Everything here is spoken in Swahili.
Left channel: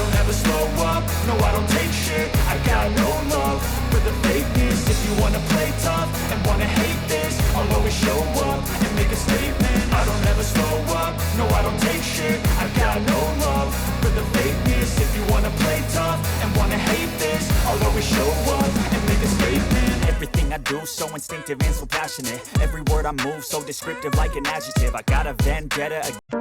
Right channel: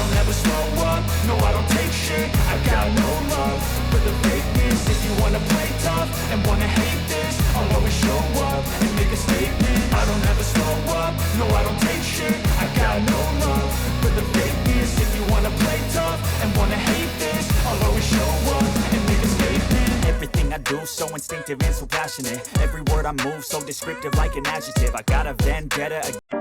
don't ever slow up, no I don't take shit. I got no love for the fakeness. If you wanna play tough and wanna hate this, I'll always show up and make a statement. I don't ever slow up, no I don't take shit. I got no love for the fakeness. If you wanna play tough and wanna hate this, I'll always show up and make a statement. Everything I do so instinctive and so passionate. Every word I move so descriptive like an adjective. I got a vendetta against